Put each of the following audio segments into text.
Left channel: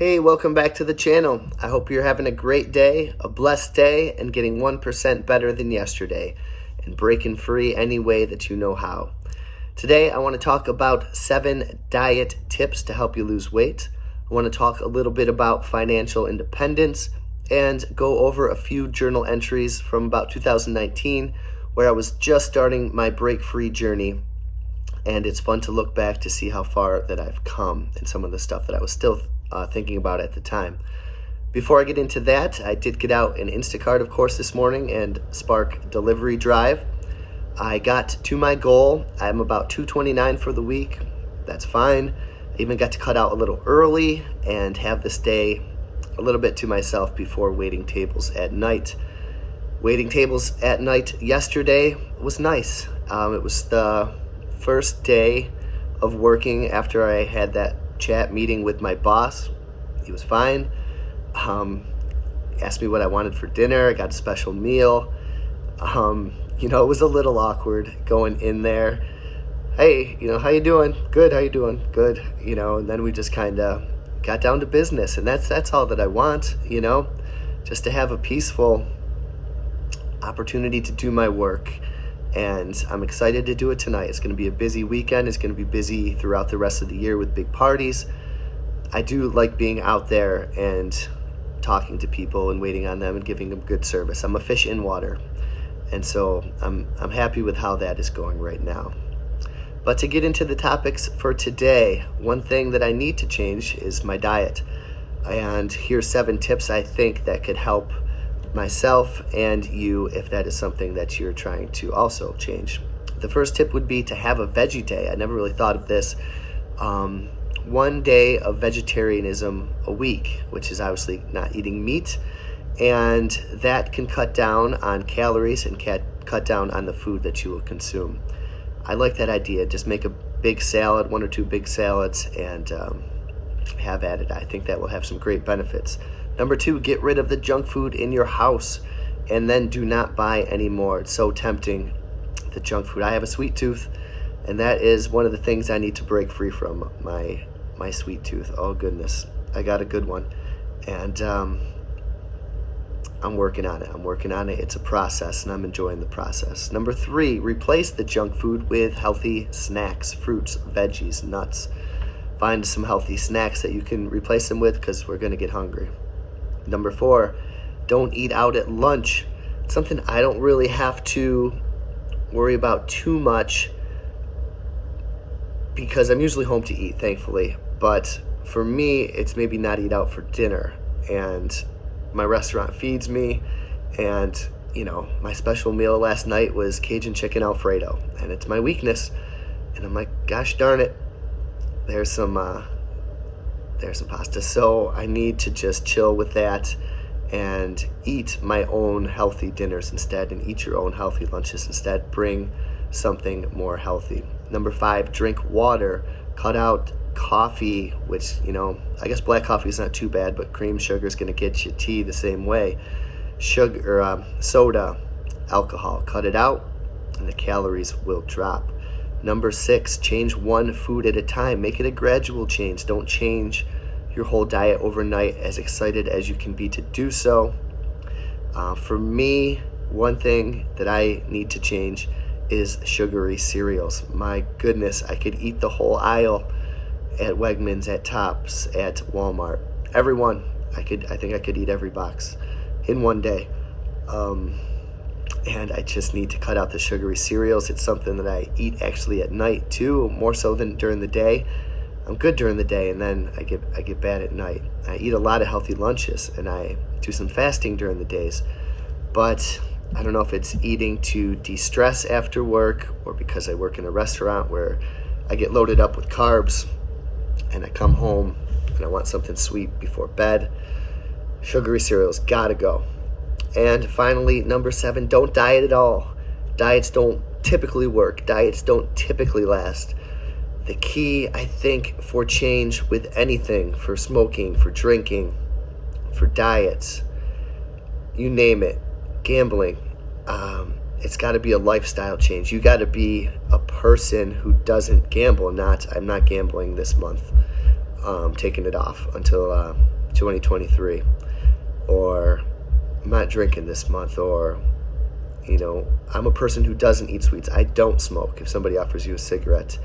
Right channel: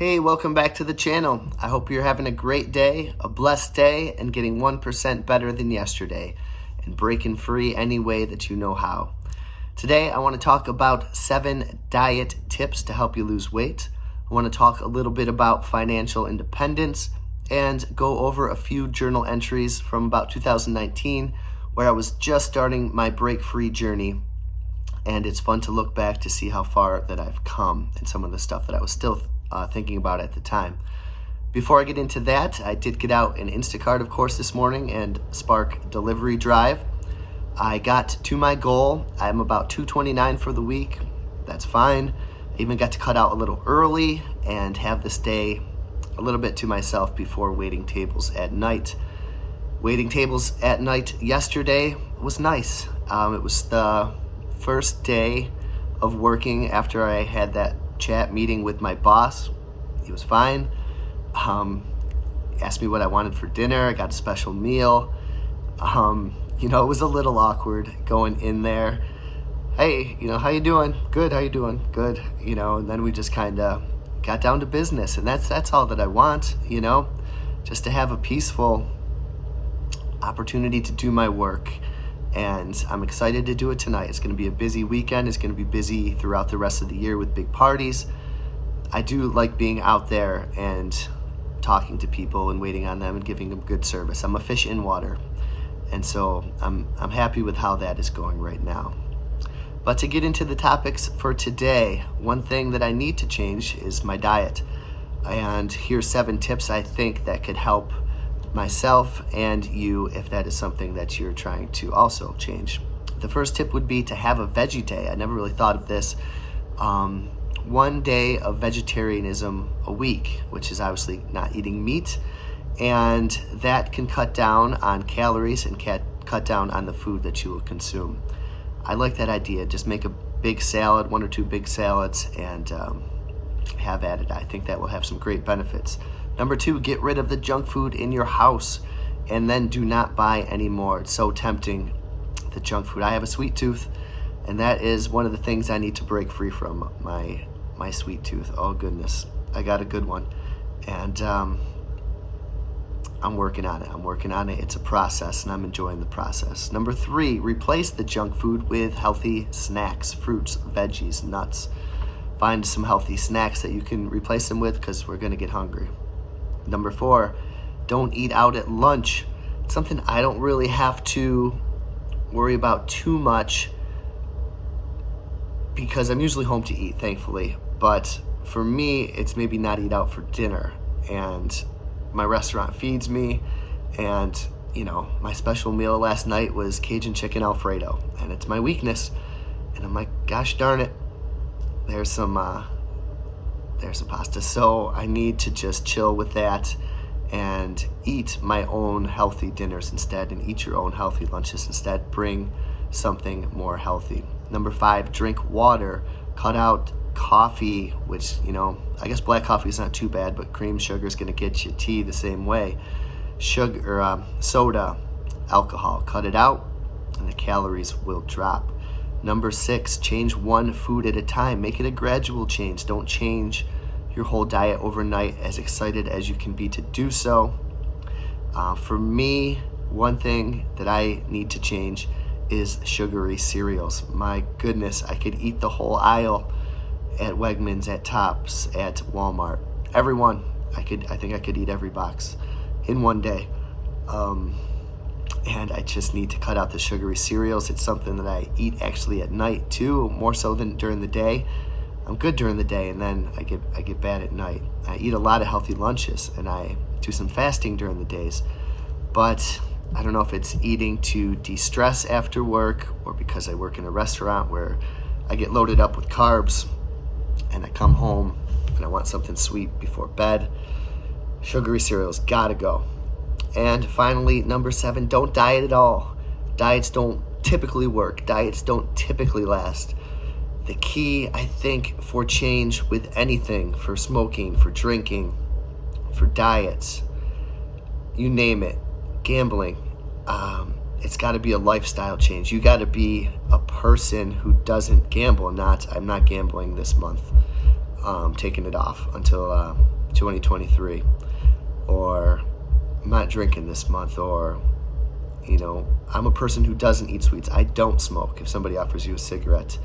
Hey, welcome back to the channel. I hope you're having a great day, a blessed day, and getting 1% better than yesterday, and breaking free any way that you know how. Today, I want to talk about 7 diet tips to help you lose weight. I want to talk a little bit about financial independence and go over a few journal entries from about 2019 where I was just starting my break-free journey. And it's fun to look back to see how far that I've come and some of the stuff that I was still thinking about at the time. Before I get into that, I did get out an Instacart, of course, this morning and spark delivery drive. I got to my goal. I'm about 229 for the week. That's fine. I even got to cut out a little early and have this day a little bit to myself before waiting tables at night. Waiting tables at night yesterday was nice. It was the first day of working after I had that chat meeting with my boss. He was fine. Asked me what I wanted for dinner. I got a special meal. It was a little awkward going in there. Hey, how you doing? Good. How you doing? Good. And then we just kind of got down to business, and that's all that I want. Just to have a peaceful opportunity to do my work. And I'm excited to do it tonight. It's going to be a busy weekend. It's going to be busy throughout the rest of the year with big parties. I do like being out there and talking to people and waiting on them and giving them good service. I'm a fish in water. And so I'm happy with how that is going right now. But to get into the topics for today, one thing that I need to change is my diet. And here's 7 tips I think that could help myself and you if that is something that you're trying to also change. The first tip would be to have a veggie day. I never really thought of this. 1 day of vegetarianism a week, which is obviously not eating meat, and that can cut down on calories and cut down on the food that you will consume. I like that idea. Just make a big salad, 1 or 2 big salads, and have at it. I think that will have some great benefits. Number 2, get rid of the junk food in your house and then do not buy anymore. It's so tempting, the junk food. I have a sweet tooth, and that is one of the things I need to break free from, my sweet tooth. Oh, goodness. I got a good one, and I'm working on it. It's a process, and I'm enjoying the process. Number 3, replace the junk food with healthy snacks, fruits, veggies, nuts. Find some healthy snacks that you can replace them with because we're going to get hungry. Number 4, don't eat out at lunch. It's something I don't really have to worry about too much because I'm usually home to eat, thankfully. But for me, it's maybe not eat out for dinner. And my restaurant feeds me. And, my special meal last night was Cajun chicken Alfredo. And it's my weakness. And I'm like, gosh darn it. There's some pasta. So I need to just chill with that and eat my own healthy dinners instead and eat your own healthy lunches instead. Bring something more healthy. Number 5, drink water. Cut out coffee, which, I guess black coffee is not too bad, but cream sugar is going to get you tea the same way. Soda, alcohol. Cut it out and the calories will drop. Number 6, change one food at a time. Make it a gradual change. Don't change your whole diet overnight, as excited as you can be to do so. For me, one thing that I need to change is sugary cereals. My goodness, I could eat the whole aisle at Wegmans, at Tops, at Walmart. Every one. I think I could eat every box in one day. And I just need to cut out the sugary cereals. It's something that I eat actually at night too, more so than during the day. I'm good during the day, and then I get bad at night. I eat a lot of healthy lunches, and I do some fasting during the days. But I don't know if it's eating to de-stress after work or because I work in a restaurant where I get loaded up with carbs, and I come home and I want something sweet before bed. Sugary cereals gotta go. And finally, number 7, don't diet at all. Diets don't typically work. Diets don't typically last. The key, I think, for change with anything, for smoking, for drinking, for diets, you name it, gambling, it's got to be a lifestyle change. You got to be a person who doesn't gamble. I'm not gambling this month. taking it off until 2023, or I'm not drinking this month, or I'm a person who doesn't eat sweets. I don't smoke. If somebody offers you a cigarette,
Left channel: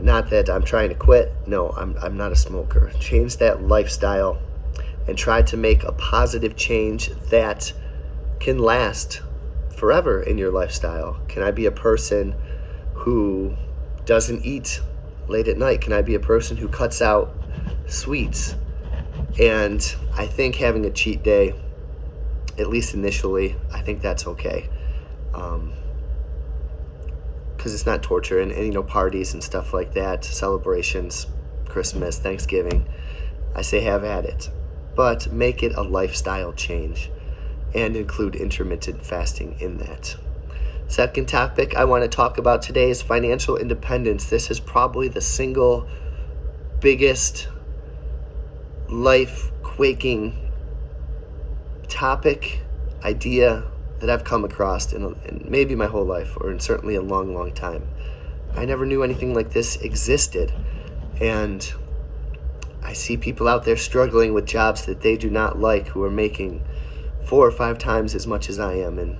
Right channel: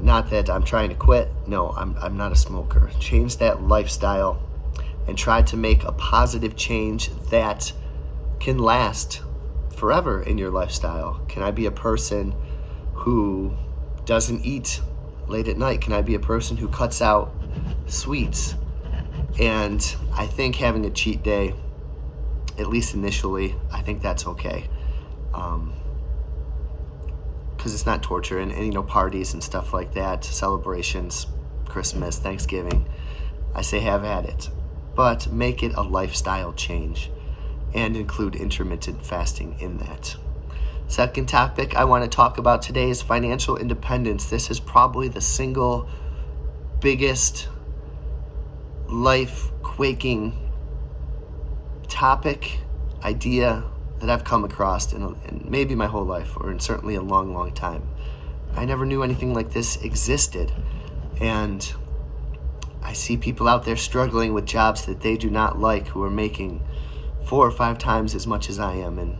not that I'm trying to quit. No, I'm not a smoker. Change that lifestyle and try to make a positive change that can last forever in your lifestyle. Can I be a person who doesn't eat late at night? Can I be a person who cuts out sweets? And I think having a cheat day, at least initially, I think that's okay. Because it's not torture, and parties and stuff like that, celebrations, Christmas, Thanksgiving, I say have at it. But make it a lifestyle change and include intermittent fasting in that. Second topic I want to talk about today is financial independence. This is probably the single biggest life-quaking topic, idea that I've come across in maybe my whole life, or in certainly a long, long time. I never knew anything like this existed. And I see people out there struggling with jobs that they do not like, who are making 4 or 5 times as much as I am. And,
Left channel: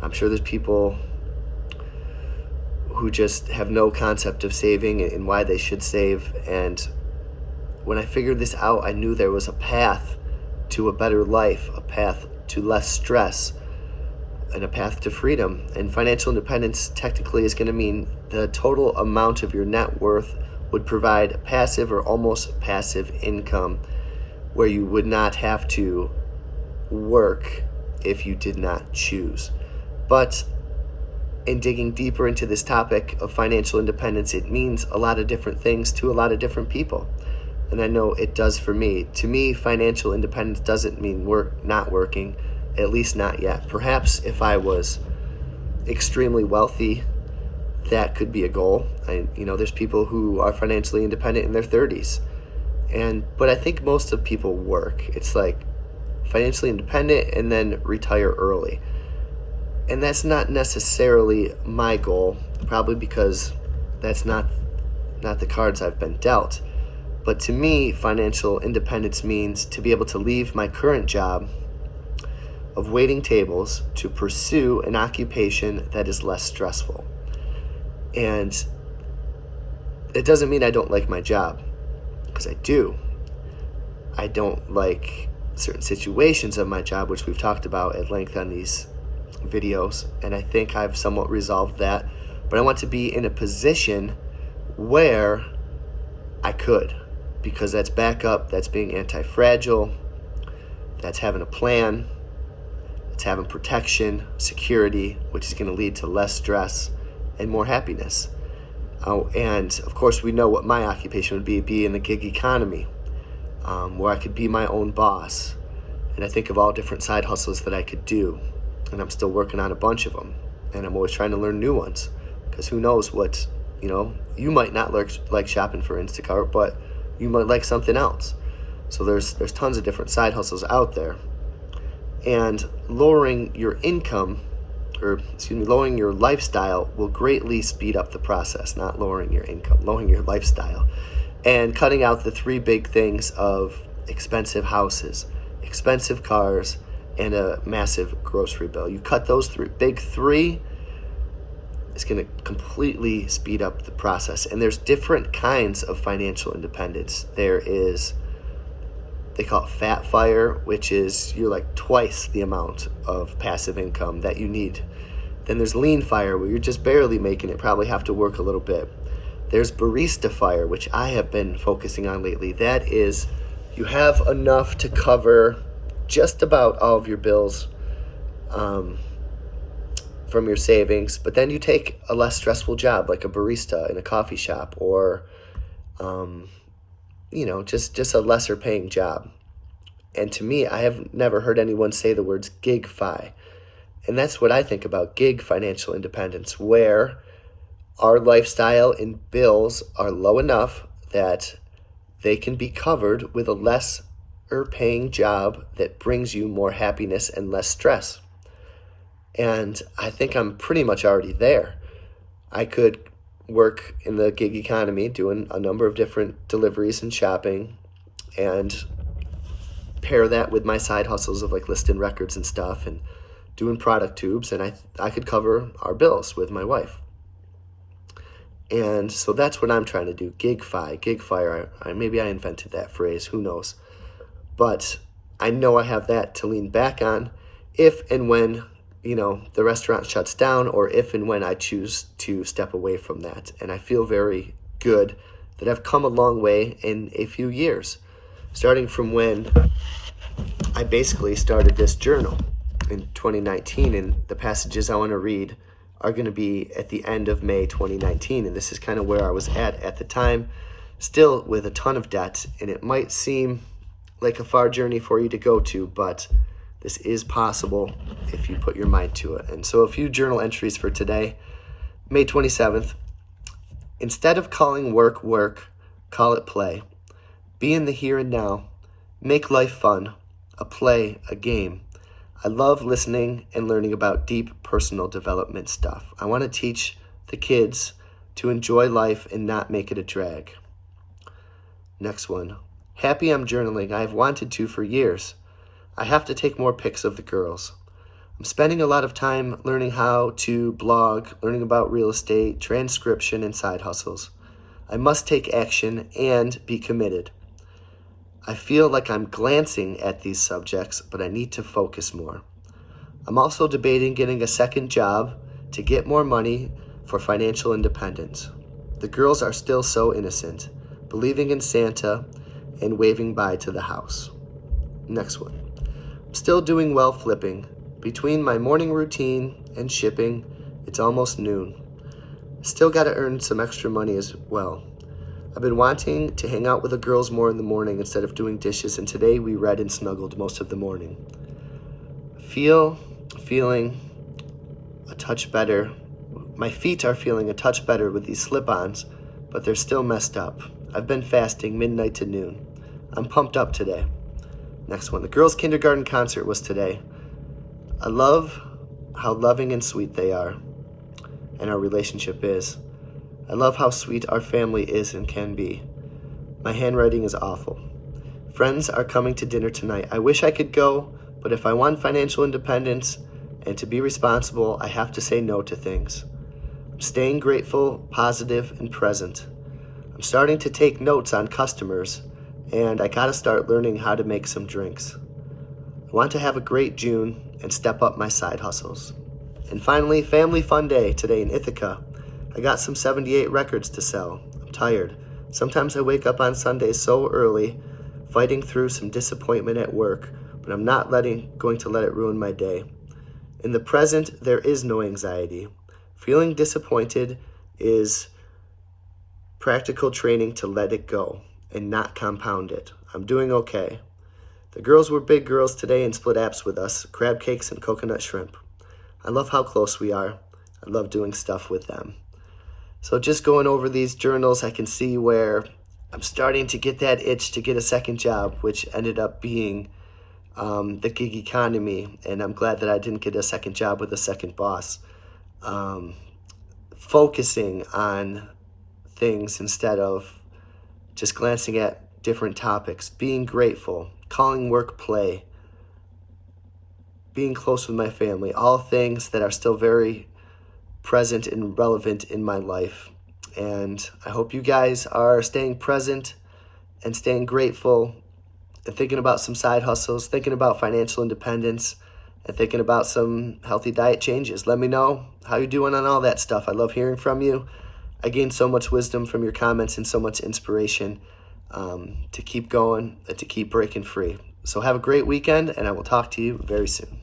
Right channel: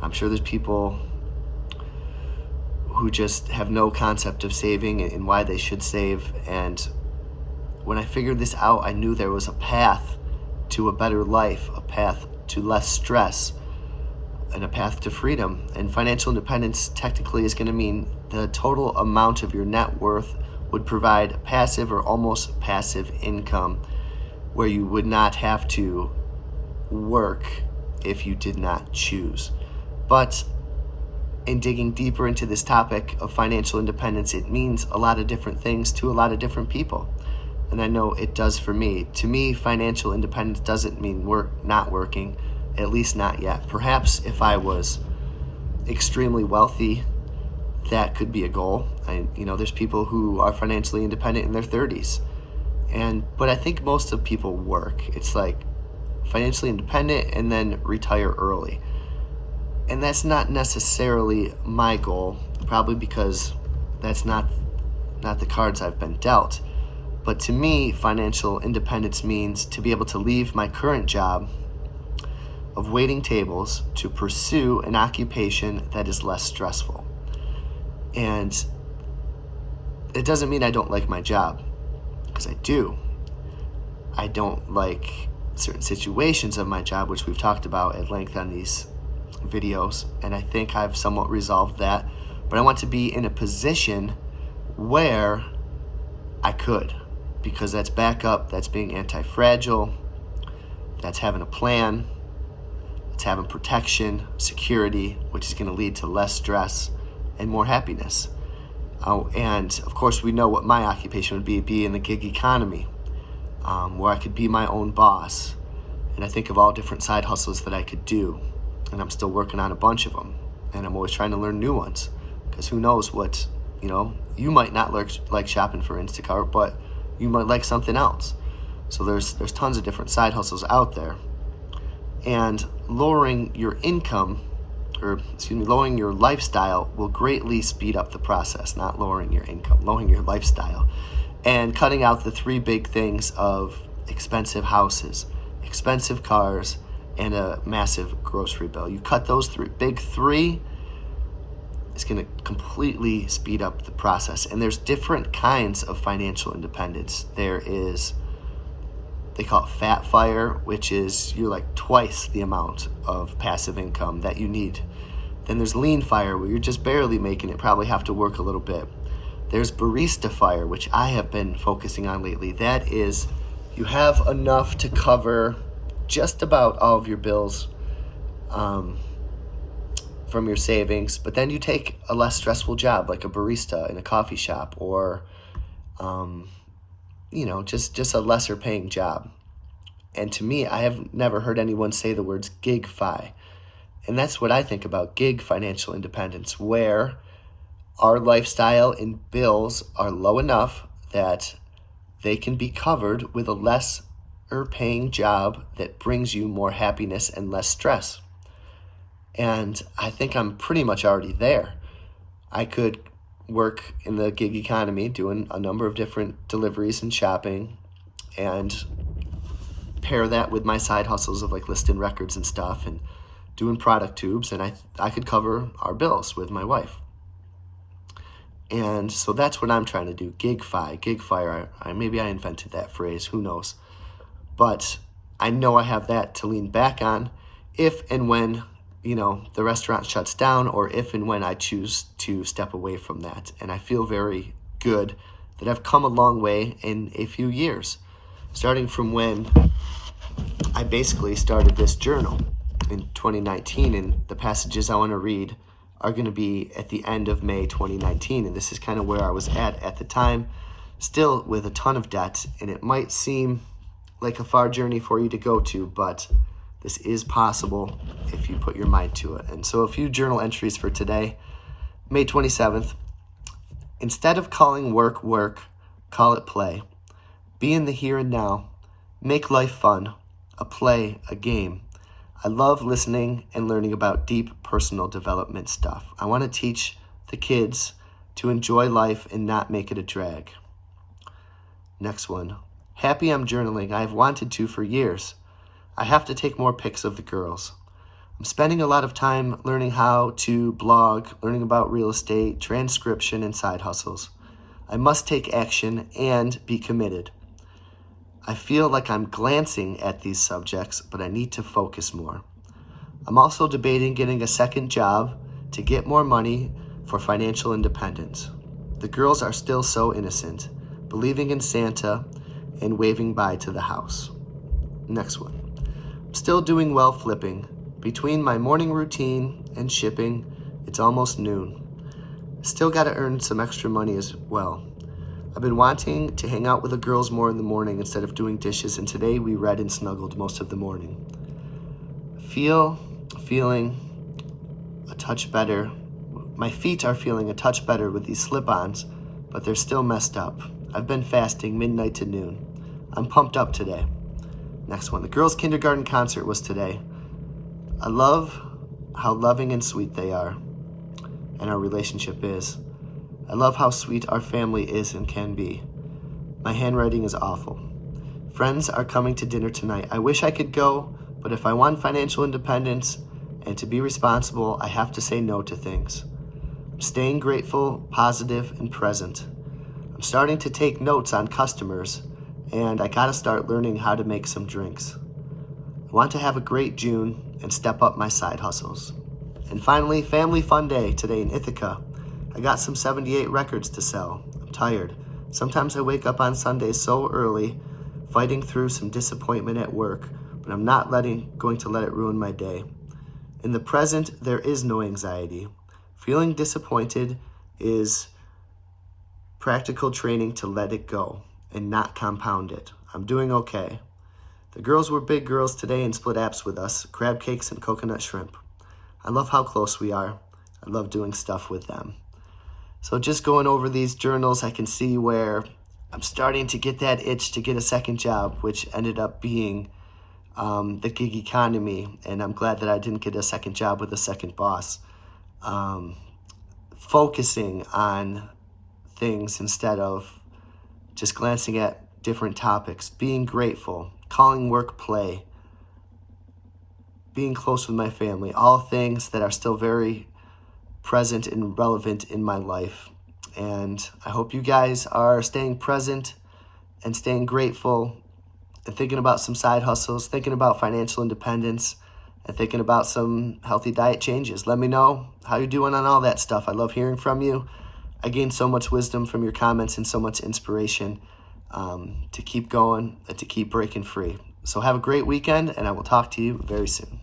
I'm sure there's people who just have no concept of saving and why they should save. And when I figured this out, I knew there was a path to a better life, a path to less stress, and a path to freedom. And financial independence technically is going to mean the total amount of your net worth would provide passive or almost passive income, where you would not have to work if you did not choose. But in digging deeper into this topic of financial independence, it means a lot of different things to a lot of different people. And I know it does for me. To me, financial independence doesn't mean not working, at least not yet. Perhaps if I was extremely wealthy, that could be a goal. There's people who are financially independent in their 30s. But I think most of people work. It's like financially independent and then retire early. And that's not necessarily my goal, probably because that's not the cards I've been dealt. But to me, financial independence means to be able to leave my current job of waiting tables to pursue an occupation that is less stressful. And it doesn't mean I don't like my job, because I do. I don't like certain situations of my job, which we've talked about at length on these videos, and I think I've somewhat resolved that. But I want to be in a position where I could, because that's backup, that's being anti-fragile, that's having a plan, it's having protection, security, which is going to lead to less stress and more happiness. And of course, we know what my occupation would be in the gig economy, where I could be my own boss. And I think of all different side hustles that I could do, and I'm still working on a bunch of them, and I'm always trying to learn new ones, because who knows what, you might not like shopping for Instacart, but you might like something else. So there's tons of different side hustles out there. And lowering your income, lowering your lifestyle will greatly speed up the process. Not lowering your income, lowering your lifestyle. And cutting out the 3 big things of expensive houses, expensive cars, and a massive grocery bill. You cut those big three, it's going to completely speed up the process. And there's different kinds of financial independence. There is, they call it fat fire, which is you're like twice the amount of passive income that you need. Then there's lean fire, where you're just barely making it, probably have to work a little bit. There's barista fire, which I have been focusing on lately. That is, you have enough to cover just about all of your bills from your savings, but then you take a less stressful job, like a barista in a coffee shop, or just a lesser paying job. And to me, I have never heard anyone say the words gig fi. And that's what I think about gig financial independence, where our lifestyle and bills are low enough that they can be covered with a lesser paying job that brings you more happiness and less stress. And I think I'm pretty much already there. I could work in the gig economy, doing a number of different deliveries and shopping, and pair that with my side hustles of like listing records and stuff and doing product tubes, and I could cover our bills with my wife. And so that's what I'm trying to do. Gig fire. Maybe I invented that phrase, who knows. But I know I have that to lean back on if and when, the restaurant shuts down, or if and when I choose to step away from that. And I feel very good that I've come a long way in a few years, starting from when I basically started this journal in 2019, and the passages I want to read are going to be at the end of May 2019, and this is kind of where I was at the time, still with a ton of debt, and it might seem like a far journey for you to go to, but this is possible if you put your mind to it. And so a few journal entries for today. May 27th, instead of calling work work, call it play. Be in the here and now. Make life fun, a play, a game. I love listening and learning about deep personal development stuff. I want to teach the kids to enjoy life and not make it a drag. Next one. Happy I'm journaling. I have wanted to for years. I have to take more pics of the girls. I'm spending a lot of time learning how to blog, learning about real estate, transcription, and side hustles. I must take action and be committed. I feel like I'm glancing at these subjects, but I need to focus more. I'm also debating getting a second job to get more money for financial independence. The girls are still so innocent, believing in Santa and waving bye to the house. Next one. I'm still doing well flipping. Between my morning routine and shipping, it's almost noon. Still got to earn some extra money as well. I've been wanting to hang out with the girls more in the morning instead of doing dishes, and today we read and snuggled most of the morning. Feeling a touch better. My feet are feeling a touch better with these slip-ons, but they're still messed up. I've been fasting midnight to noon. I'm pumped up today. Next one. The girls' kindergarten concert was today. I love how loving and sweet they are, and our relationship is. I love how sweet our family is and can be. My handwriting is awful. Friends are coming to dinner tonight. I wish I could go, but if I want financial independence and to be responsible, I have to say no to things. I'm staying grateful, positive, and present. I'm starting to take notes on customers, and I gotta start learning how to make some drinks. I want to have a great June and step up my side hustles. And finally, family fun day today in Ithaca. I got some 78 records to sell. I'm tired. Sometimes I wake up on Sundays so early, fighting through some disappointment at work, but I'm not going to let it ruin my day. In the present, there is no anxiety. Feeling disappointed is practical training to let it go and not compound it. I'm doing okay. The girls were big girls today and split apps with us, crab cakes and coconut shrimp. I love how close we are. I love doing stuff with them. So just going over these journals, I can see where I'm starting to get that itch to get a second job, which ended up being the gig economy. And I'm glad that I didn't get a second job with a second boss. Focusing on things instead of just glancing at different topics, being grateful, calling work play, being close with my family, all things that are still very present and relevant in my life. And I hope you guys are staying present and staying grateful and thinking about some side hustles, thinking about financial independence, and thinking about some healthy diet changes. Let me know how you're doing on all that stuff. I love hearing from you. I gained so much wisdom from your comments and so much inspiration to keep going and to keep breaking free. So have a great weekend, and I will talk to you very soon.